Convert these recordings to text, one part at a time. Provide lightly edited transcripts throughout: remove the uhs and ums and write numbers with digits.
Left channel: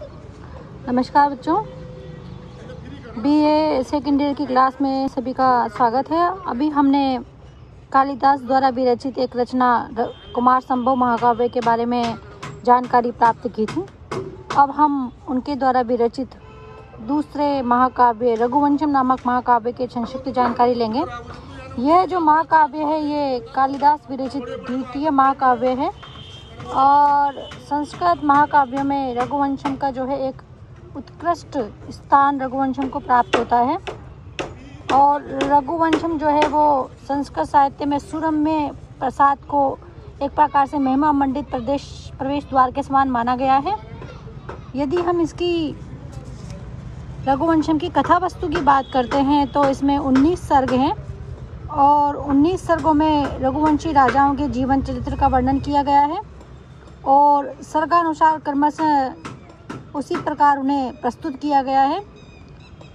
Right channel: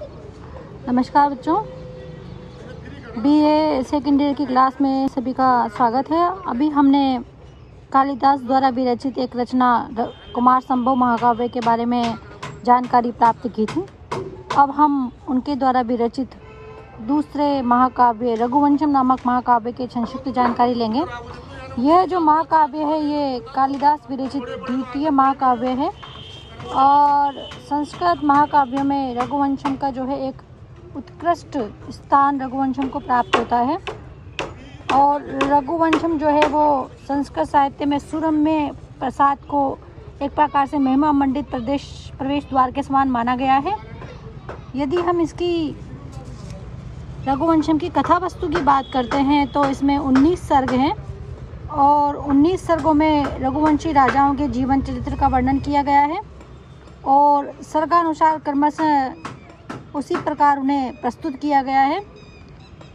नमस्कार बच्चों, BA second year की क्लास में सभी का स्वागत है। अभी हमने कालिदास द्वारा विरचित एक रचना कुमार संभव महाकाव्य के बारे में जानकारी प्राप्त की थी। अब हम उनके द्वारा विरचित दूसरे महाकाव्य रघुवंशम नामक महाकाव्य के संक्षिप्त जानकारी लेंगे। यह जो महाकाव्य है ये कालिदास विरचित द्वितीय महाकाव्य है और संस्कृत महाकाव्यों में रघुवंशम का जो है एक उत्कृष्ट स्थान रघुवंशम को प्राप्त होता है। और रघुवंशम जो है वो संस्कृत साहित्य में सुरम्य प्रसाद को एक प्रकार से महिमा मंडित प्रवेश द्वार के समान माना गया है। यदि हम इसकी रघुवंशम की कथा वस्तु की बात करते हैं तो इसमें 19 सर्ग हैं और 19 सर्गों में रघुवंशी राजाओं के जीवन चरित्र का वर्णन किया गया है और सर्गानुसार क्रमशः उसी प्रकार उन्हें प्रस्तुत किया गया है।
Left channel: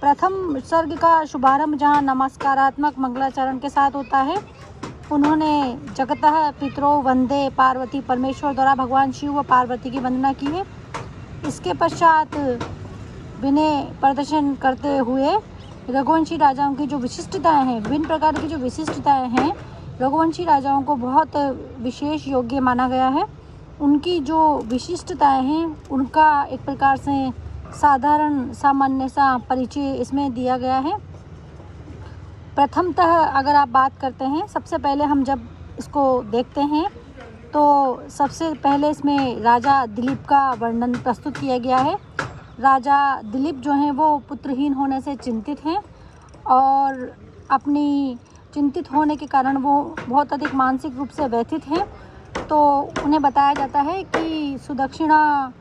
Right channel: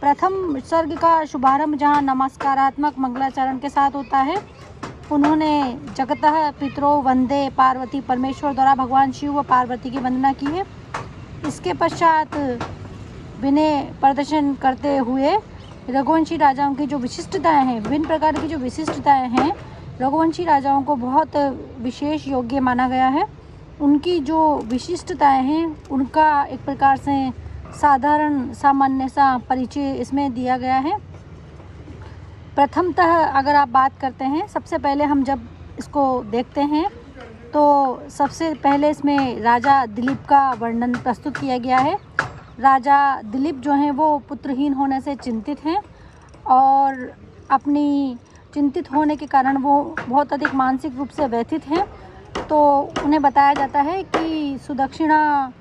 प्रथम सर्ग का शुभारंभ जहां नमस्कारात्मक मंगलाचरण के साथ होता है। उन्होंने जगतः पितरो वंदे पार्वती परमेश्वर द्वारा भगवान शिव व पार्वती की वंदना की है। इसके पश्चात विनय प्रदर्शन करते हुए रघुवंशी राजाओं की जो विशिष्टताएं हैं, विभिन्न प्रकार की जो विशिष्टताएं हैं, रघुवंशी राजाओं को बहुत विशेष योग्य माना गया है। उनकी जो विशिष्टताएं हैं उनका एक प्रकार से साधारण सामान्य सा परिचय इसमें दिया गया है। प्रथमतः अगर आप बात करते हैं, सबसे पहले हम जब इसको देखते हैं तो सबसे पहले इसमें राजा दिलीप का वर्णन प्रस्तुत किया गया है। राजा दिलीप जो हैं वो पुत्रहीन होने से चिंतित हैं और अपनी चिंतित होने के कारण वो बहुत अधिक मानसिक रूप से व्यथित हैं। तो उन्हें बताया जाता है कि सुदक्षिणा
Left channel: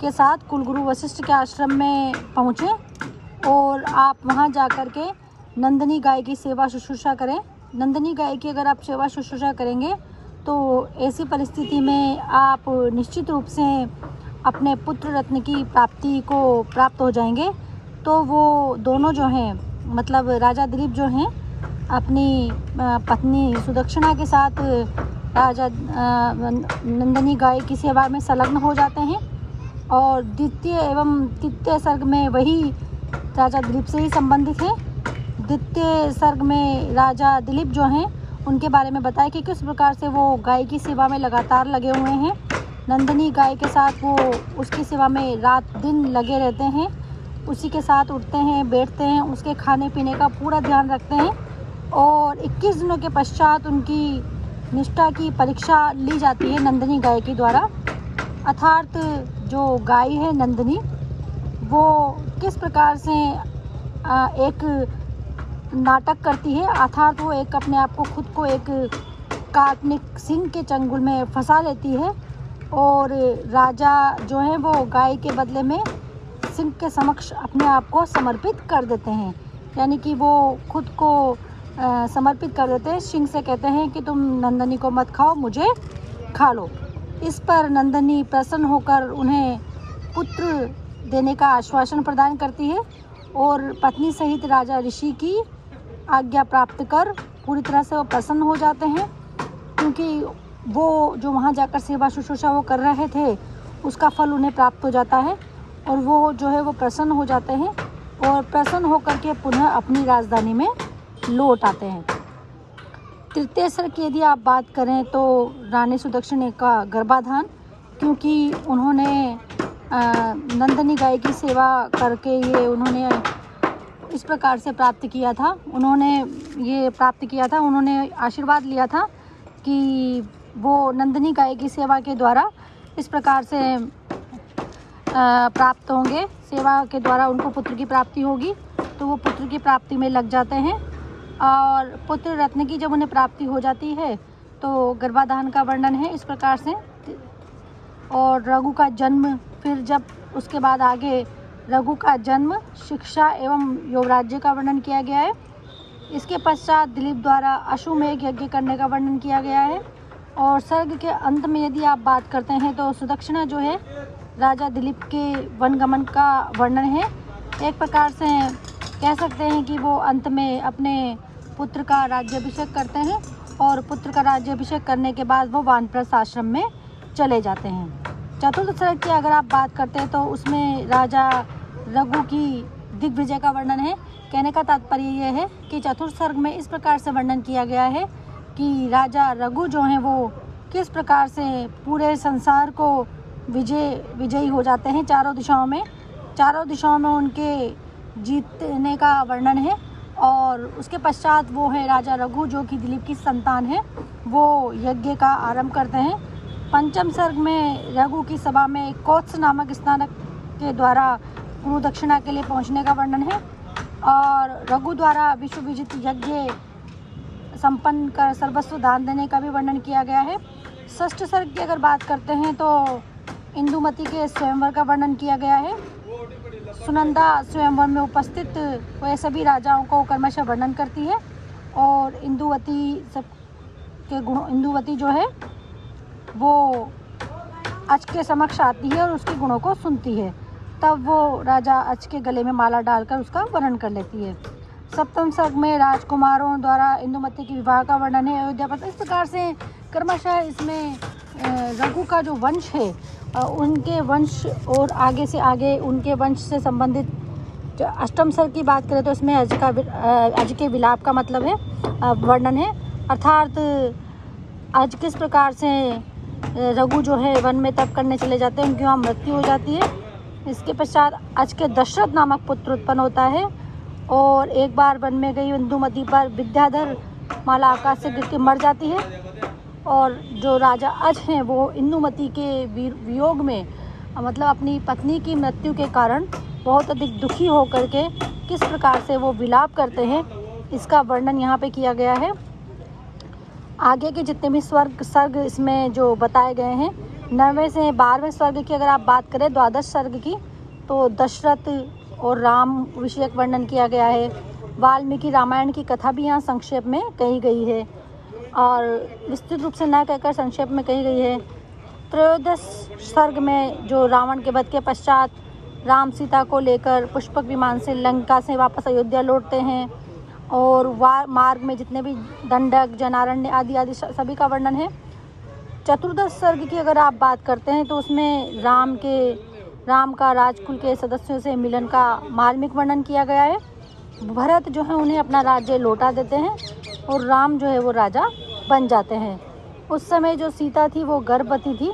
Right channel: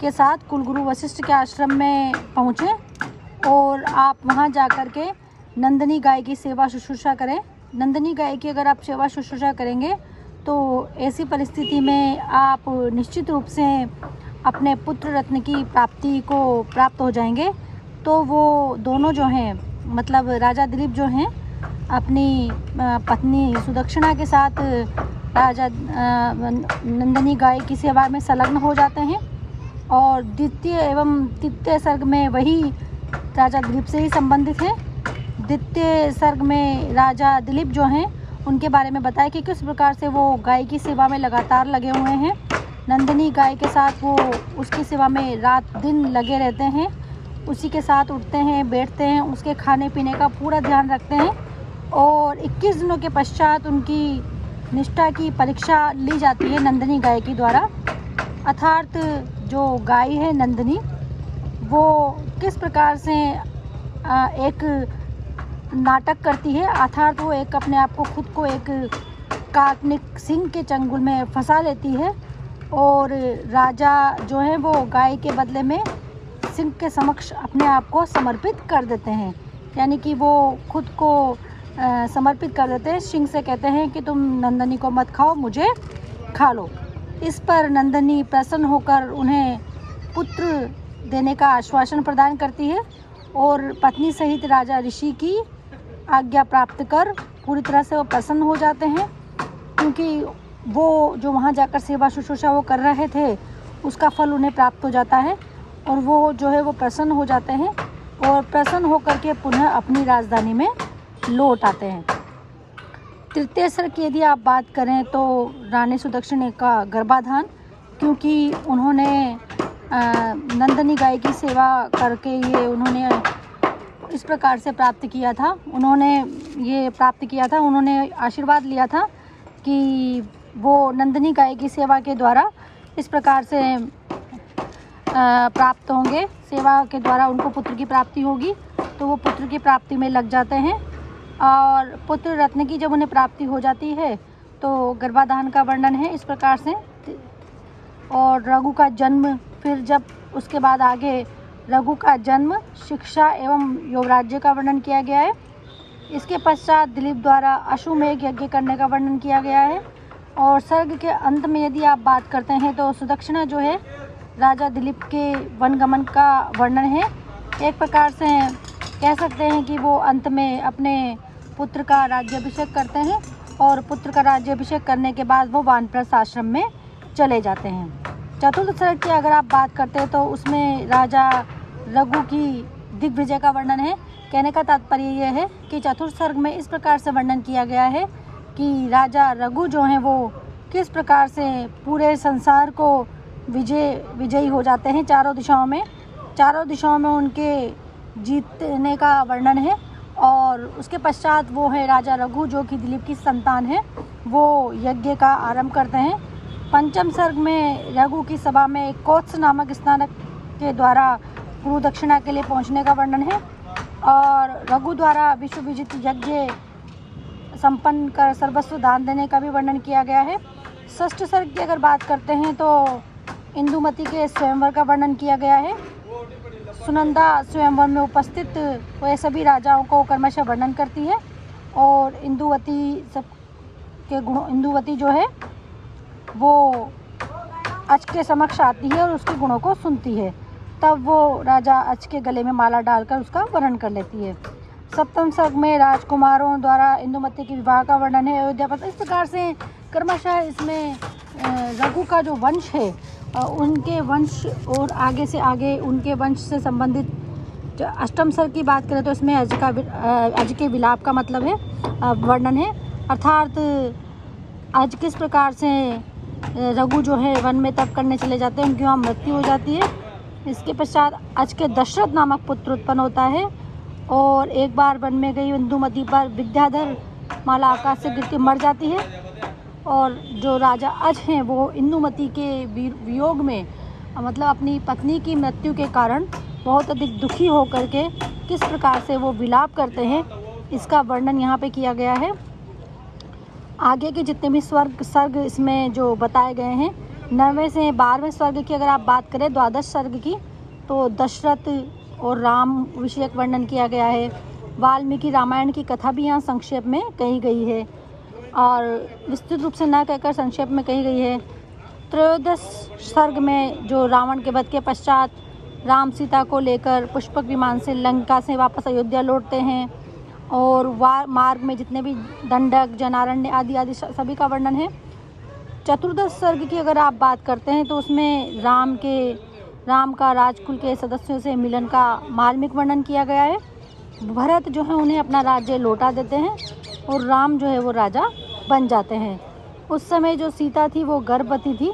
के साथ कुलगुरु वशिष्ठ के आश्रम में पहुँचें और आप वहाँ जाकर के नंदिनी गाय की सेवा शुश्रूषा करें। नंदिनी गाय की अगर आप सेवा शुश्रूषा करेंगे तो ऐसी परिस्थिति में आप निश्चित रूप से अपने पुत्र रत्न की प्राप्ति को प्राप्त हो जाएंगे। तो वो दोनों जो हैं, मतलब राजा दिलीप जो हैं, अपनी पत्नी सुदक्षिणा के साथ राजा नंदिनी गाय की सेवा में संलग्न हो जाते हैं और द्वितीय एवं तृतीय सर्ग में वही राजा दिलीप से ही संबंधित है। द्वितीय सर्ग में राजा दिलीप जो हैं उनके बारे में बताया कि किस प्रकार से वो गाय की सेवा में लगातार लगे हुए हैं। नंदिनी गाय के साथ वो उसकी सेवा में रात दिन लगे रहते हैं, उसी के साथ उठते हैं, बैठते हैं, उसके खाने पीने का पूरा ध्यान रखते हैं और 21 दिनों के पश्चात उनकी निष्ठा की परीक्षा ली जाती है नंदिनी गाय के द्वारा। अर्थात जो गाय है नंदिनी, वो किस प्रकार से एक नाटक करती है, अर्थात वो एक अपने आप को खुद को एक काल्पनिक सिंह के चंगुल में फंसा लेती है और राजा जो है वो गाय के बदले में सिंह के समक्ष अपने आप को समर्पित कर देते हैं। यानी कि वो खुद को समर्पित कर देते हैं। सिंह से कहते हैं कि तुम नंदिनी को मत खाओ, मुझे खा लो। इस पर नंदिनी प्रसन्न होकर उन्हें पुत्र देने का आश्वासन प्रदान करती है और पत्नी सहित राजा ऋषि की आज्ञा प्राप्त कर पूरी तरह से वो प्रसन्न हो जाते हैं, क्योंकि वो जो वहाँ जाकर सेवा शुश्रूषा वो कर रहे थे उसका फल उन्हें प्राप्त हो जाता है और वो जो है वो प्रसन्न हो जाते हैं और प्रसन्न होकर के पुनः अपनी राजधानी में लौट आते हैं। तृतीय सर्ग की यदि आप बात करें तो रानी सुदक्षिणा का गर्भाधान, क्योंकि उन्होंने नंदिनी गाय की सेवा करके ये उन्होंने इस प्रकार से प्राप्त किया था, उन्होंने आशीर्वाद लिया था कि वो नंदिनी गाय की सेवा के द्वारा इस प्रकार से प्राप्त होंगे, सेवा के द्वारा उनको पुत्र की प्राप्ति होगी। तो वो पुत्र की प्राप्ति में लग जाते हैं और पुत्र रत्न की जब उन्हें प्राप्ति हो जाती है तो गर्भाधान का वर्णन है इस प्रकार से। और रघु का जन्म, फिर जब उसके बाद आगे रघु का जन्म, शिक्षा एवं योगराज्य का वर्णन किया गया है। इसके पश्चात दिलीप द्वारा अश्वमेध यज्ञ करने का वर्णन किया गया है। और सर्ग के अंत में यदि आप बात करते हैं तो सुदक्षिणा जो है राजा दिलीप के वनगमन का वर्णन है। एक प्रकार से कह सकते हैं कि वो अंत में अपने पुत्र का राज्याभिषेक करते हैं और पुत्र का राज्याभिषेक करने के बाद वो वानप्रस्थ आश्रम में चले जाते हैं। चतुर्थ सर्ग की अगर आप बात करते हैं तो उसमें राजा रघु की दिग्विजय का वर्णन है। कहने का तात्पर्य यह है कि चतुर्थ सर्ग में इस प्रकार से वर्णन किया गया है कि राजा रघु जो हैं वो किस प्रकार से पूरे संसार को विजयी हो जाते हैं चारों दिशाओं में उनके जीतने का वर्णन है। और उसके पश्चात वो है राजा रघु जो कि दिलीप की संतान है, वो यज्ञ का आरंभ करते हैं। पंचम सर्ग में रघु की सभा में कौत्स नामक स्नानक के द्वारा गुरु दक्षिणा के लिए पहुंचने का वर्णन है और रघु द्वारा विश्व विजित यज्ञ संपन्न कर सर्वस्व दान देने का भी वर्णन किया गया है। षष्ठ सर्ग की अगर बात करते हैं तो इंदुमती के स्वयंवर का वर्णन किया गया है। सुनंदा स्वयंवर में उपस्थित वह सभी राजाओं को क्रमशः वर्णन करती है और इंदुवती जो है वो अच के समक्ष आती है और उसके गुणों को सुनती है। तब वो राजा अच के गले में माला डालकर उसका वर्णन कर लेती है। सप्तम सर्ग में राजकुमारों द्वारा इंदुमती के विवाह का वर्णन है अयोध्या पर। इस प्रकार से क्रमशः इसमें रघु का जो वंश है उनके वंश और आगे से आगे उनके वंश से संबंधित अष्टम सर्ग की बात करें तो इसमें अज के विलाप का मतलब है वर्णन है, अर्थात आज किस प्रकार से रघु जो है वन में तप करने चले जाते हैं, उनकी वहाँ मृत्यु हो जाती है। इसके पश्चात आज के दशरथ नामक पुत्र उत्पन्न होता है और एक बार वन में गई इंदुमती पर विद्याधर माला आकाश से गिरती मर जाती है और जो राजा अज हैं वो इंदुमती के वियोग में मतलब अपनी पत्नी की मृत्यु के कारण बहुत अधिक दुखी होकर के किस प्रकार से वो विलाप करते हैं इसका वर्णन यहाँ पे किया गया है। आगे के जितने भी सर्ग इसमें जो बताए गए हैं 9वें से 12वें सर्ग की अगर आप बात करें द्वादश सर्ग की तो दशरथ और राम विषयक वर्णन किया गया है। वाल्मीकि रामायण की कथा भी यहाँ संक्षेप में कही गई है और विस्तृत रूप से न कहकर संक्षेप में कही गई है। त्रयोदश सर्ग में जो रावण के वध के पश्चात राम सीता को लेकर पुष्पक विमान से लंका से वापस अयोध्या लौटते हैं और मार्ग में जितने भी दंडक जनारण्य आदि सभी का वर्णन है। चतुर्दश सर्ग की अगर आप बात करते हैं तो उसमें राम का राजकुल के सदस्यों से मिलन का मार्मिक वर्णन किया गया है। भरत जो है उन्हें अपना राज्य लौटा देते हैं और राम जो है वो राजा बन जाते हैं। उस समय जो सीता थी वो गर्भवती थी,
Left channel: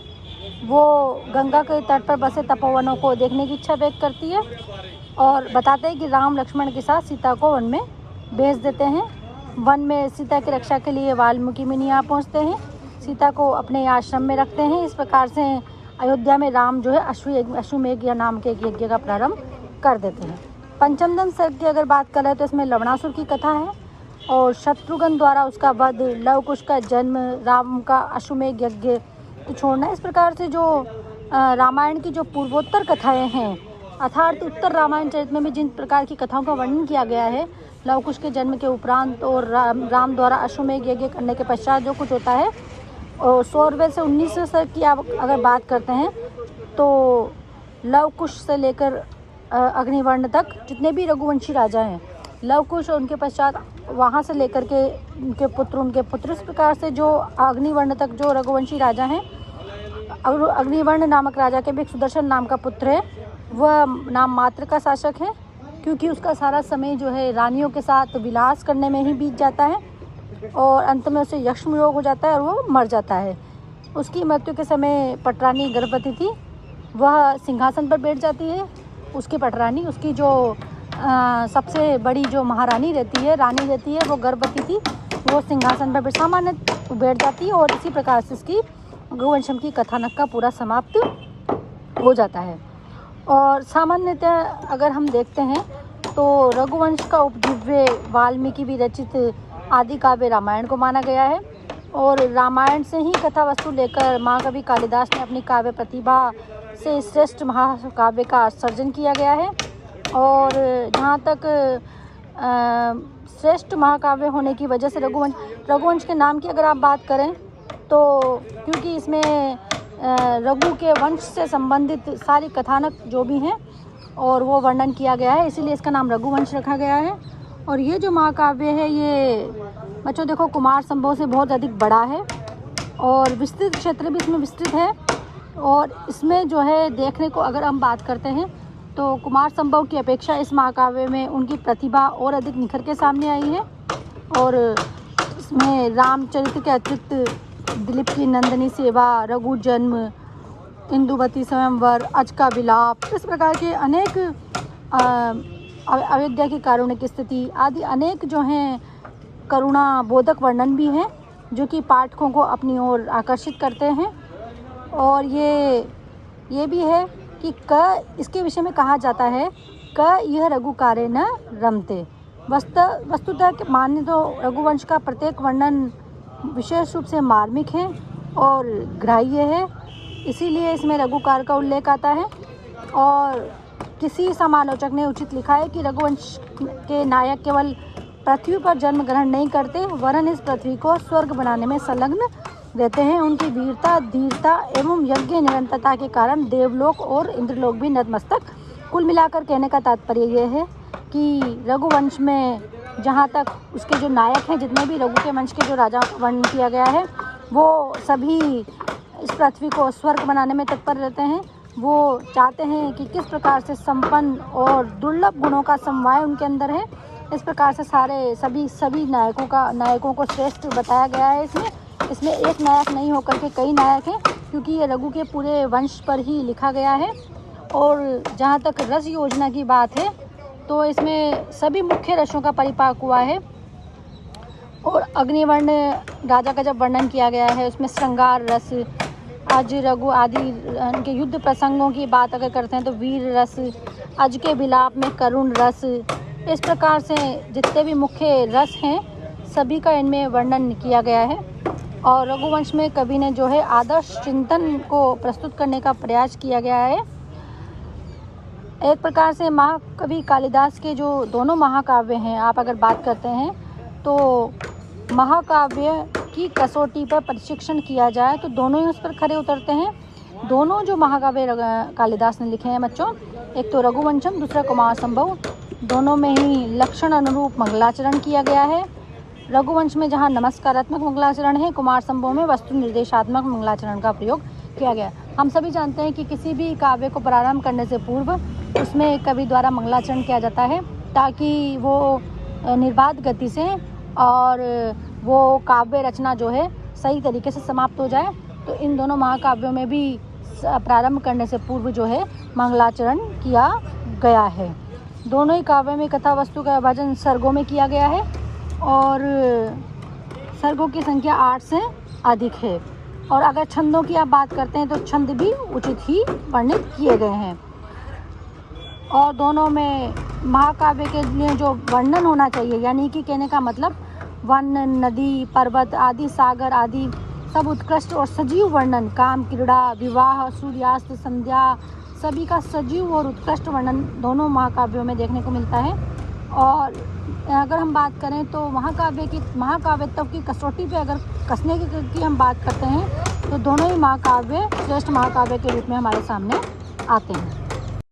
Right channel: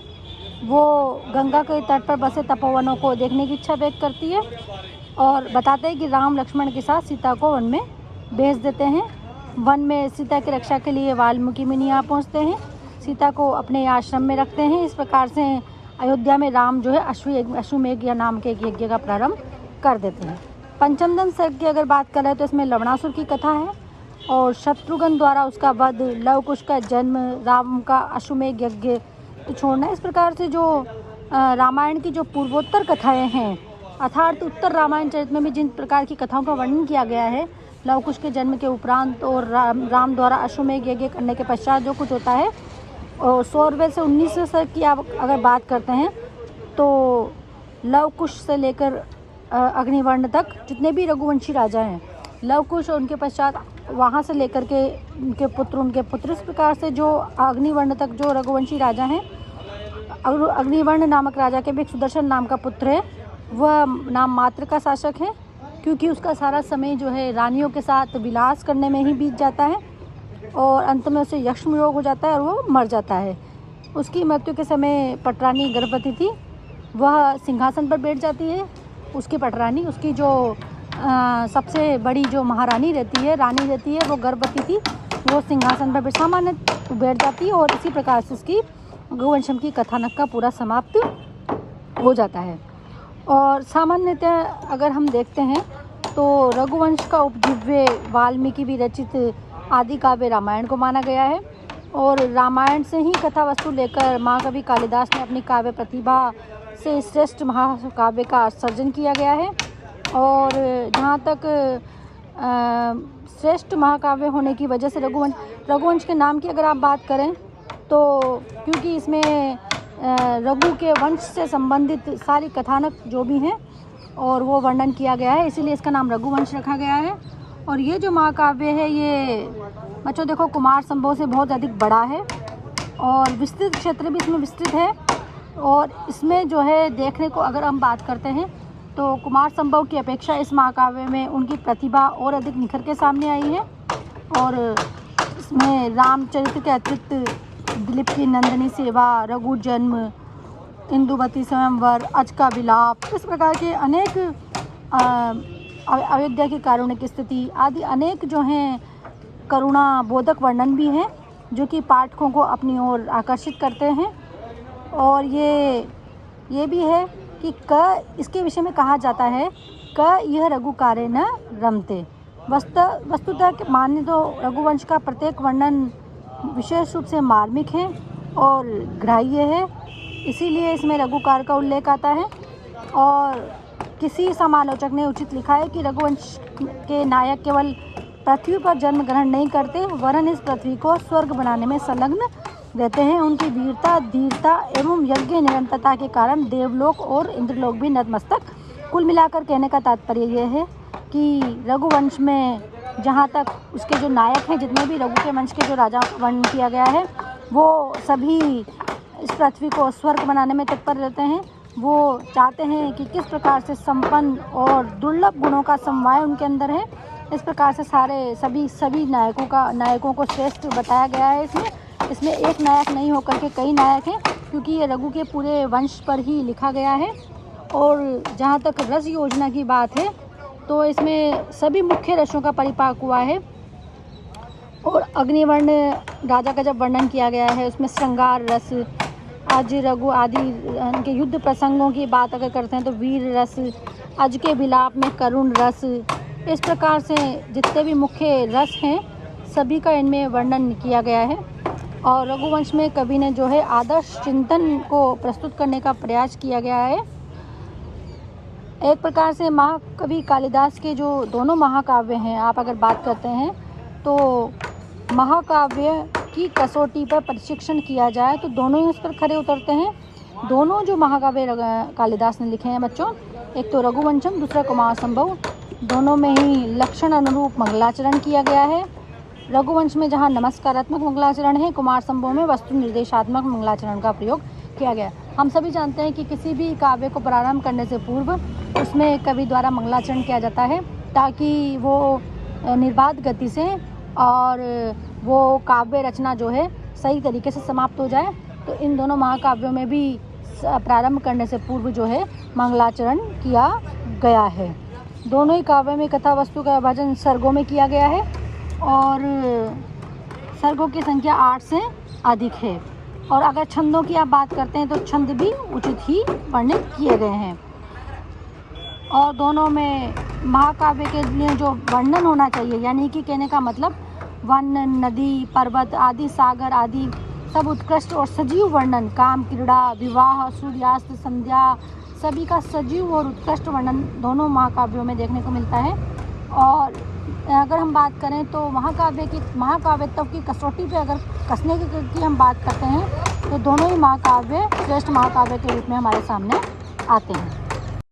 वो गंगा के तट पर बसे तपोवनों को देखने की इच्छा व्यक्त करती है और बताते हैं कि राम लक्ष्मण के साथ सीता को वन में भेज देते हैं। वन में सीता की रक्षा के लिए वाल्मीकि मुनि यहाँ पहुँचते हैं, सीता को अपने आश्रम में रखते हैं। इस प्रकार से अयोध्या में राम जो है अश्वमेध नाम के एक यज्ञ का प्रारंभ कर देते हैं। पंचम सर्ग की अगर बात करें तो इसमें लवणासुर की कथा है और शत्रुघ्न द्वारा उसका वध, लव कुश का जन्म, राम का अश्वमेध यज्ञ छोड़ना। इस प्रकार से जो रामायण की जो पूर्वोत्तर कथाएं हैं अर्थात उत्तर रामायण चरित्र में जिन प्रकार की कथाओं का वर्णन किया गया है लव कुश के जन्म के उपरांत और राम द्वारा अश्वमेध यज्ञ करने के पश्चात जो कुछ होता है और 16वें से 19वें सर्ग की आप अगर बात करते हैं तो लव कुश से लेकर अग्निवर्ण तक जितने भी रघुवंशी राजा हैं, लव कुश और उनके पश्चात वहाँ से लेकर के उनके पुत्र इस प्रकार से जो अग्निवर्ण तक जो रघुवंशी राजा हैं, अग्निवर्ण नामक राजा के भी सुदर्शन नाम का पुत्र है, वह नाम मात्र का शासक है क्योंकि उसका सारा समय जो है रानियों के साथ विलास करने में ही बीत जाता है और अंत में उसे यक्ष्म योग हो जाता है और वो मर जाता है। उसकी मृत्यु के समय पटरानी गर्भवती थी, वह सिंहासन पर बैठ जाती है। उसकी पटरानी उसकी जो सबसे बड़ी जो महारानी रहती है, रानी रहती है, वो गर्भवती थी, वो सिंहासन पर सामान्य बैठ जाती है और इसी प्रकार से उसकी रघुवंशम की कथानक का पूरा समाप्त हो जाता है। और सामान्यतः अगर हम देखते हैं तो रघुवंश का उपदिव्य वाल्मीकि भी रचित आदि काव्य रामायण को माना गया है और रामायण से ही कथा वस्तु लेकर महाकवि कालिदास ने अपनी काव्य प्रतिभा से श्रेष्ठ महाकाव्य का सर्जन किया गया है। और जहाँ तक श्रेष्ठ महाकाव्य होने की वजह से रघुवंश के नाम की अगर आप बात करें तो क्योंकि इसमें रघु के वंश से संबंधित सारी कथानक जो भी हैं और वो वर्णन किया गया है, इसीलिए इसका नाम रघुवंश रखा गया है। और ये जो महाकाव्य है ये बच्चों देखो कुमार संभव से बहुत अधिक बड़ा है और विस्तृत क्षेत्र भी इसमें विस्तृत है और इसमें जो है देखने को अगर हम बात करते हैं तो कुमार संभव की अपेक्षा इस महाकाव्य में उनकी प्रतिभा और अधिक निखर के सामने आई है। और इसमें रामचरित्र के अतिरिक्त दिलीप की नंदिनी सेवा, रघु जन्म, इंदुवती स्वयंवर, अज का विलाप, इस प्रकार के अनेक अयोध्या की कारुणिक स्थिति आदि अनेक जो हैं करुणा बोधक वर्णन भी हैं जो कि पाठकों को अपनी ओर आकर्षित करते हैं। और ये भी है कि इसके विषय में कहा जाता है यह रघुकारे न रमते। वस्तुतः माने तो रघुवंश का प्रत्येक वर्णन विशेष रूप से मार्मिक है और ग्राह्य है, इसीलिए इसमें रघुकार का उल्लेख आता है। और किसी समालोचक ने उचित लिखा है कि रघुवंश के नायक केवल पृथ्वी पर जन्म ग्रहण नहीं करते वरन इस पृथ्वी को स्वर्ग बनाने में संलग्न देते हैं। उनकी वीरता, धीरता एवं यज्ञ निरंतरता के कारण देवलोक और इंद्रलोक भी नतमस्तक। कुल मिलाकर कहने का तात्पर्य यह है कि रघुवंश में जहाँ तक इसके जो नायक हैं, जितने भी रघु के वंश के जो राजा वर्णन किया गया है, वो सभी इस पृथ्वी को स्वर्ग बनाने में तत्पर रहते हैं। वो चाहते हैं कि किस प्रकार से संपन्न और दुर्लभ गुणों का समवाय उनके अंदर है। इस प्रकार से सभी नायकों को श्रेष्ठ बताया गया है। इसमें एक नायक नहीं होकर के कई नायक हैं, क्योंकि ये रघु के पूरे वंश पर ही लिखा गया है। और जहाँ तक रस योजना की बात है तो इसमें सभी मुख्य रसों का परिपाक हुआ है। और अग्निवर्ण राजा का जब वर्णन किया गया है उसमें श्रृंगार रस, अज रघु आदि उनके युद्ध प्रसंगों की बात अगर करते हैं तो वीर रस, अज के विलाप में करुण रस, इस प्रकार से जितने भी मुख्य रस हैं सभी का इनमें वर्णन किया गया है। और रघुवंश में कवि ने जो है आदर्श चिंतन को प्रस्तुत करने का प्रयास किया गया है। एक प्रकार से महाकवि कालिदास के जो दोनों महाकाव्य हैं, आप अगर बात करते हैं तो महाकाव्य की कसौटी पर प्रशिक्षण किया जाए तो दोनों ही उस पर खरे उतरते हैं। दोनों जो महाकाव्य कालिदास ने लिखे हैं बच्चों, एक तो रघुवंशम, दूसरा कुमार संभव, दोनों में ही लक्षण अनुरूप मंगलाचरण किया गया है। रघुवंश में जहाँ नमस्कारात्मक मंगलाचरण है, कुमार संभव में वस्तु निर्देशात्मक मंगलाचरण का प्रयोग किया गया। हम सभी जानते हैं कि किसी भी काव्य को प्रारंभ करने से पूर्व उसमें कवि द्वारा मंगलाचरण किया जाता है ताकि वो निर्बाध गति से और वो काव्य रचना जो है सही तरीके से समाप्त हो जाए। तो इन दोनों महाकाव्यों में भी प्रारंभ करने से पूर्व जो है मंगलाचरण किया गया है। दोनों ही काव्यों में कथा वस्तु का विभाजन सर्गों में किया गया है और सर्गों की संख्या 8 से अधिक है। और अगर छंदों की आप बात करते हैं तो छंद भी उचित ही वर्णित किए गए हैं। और दोनों में महाकाव्य के लिए जो वर्णन होना चाहिए, यानी कि कहने का मतलब वन, नदी, पर्वत आदि, सागर आदि सब उत्कृष्ट और सजीव वर्णन, काम, क्रीड़ा, विवाह, सूर्यास्त, संध्या, सभी का सजीव और उत्कृष्ट वर्णन दोनों महाकाव्यों में देखने को मिलता है। और अगर हम बात करें तो महाकाव्यत्व की कसौटी पे अगर कसने की हम बात करते हैं तो दोनों ही महाकाव्य श्रेष्ठ महाकाव्य के रूप में हमारे सामने आते हैं।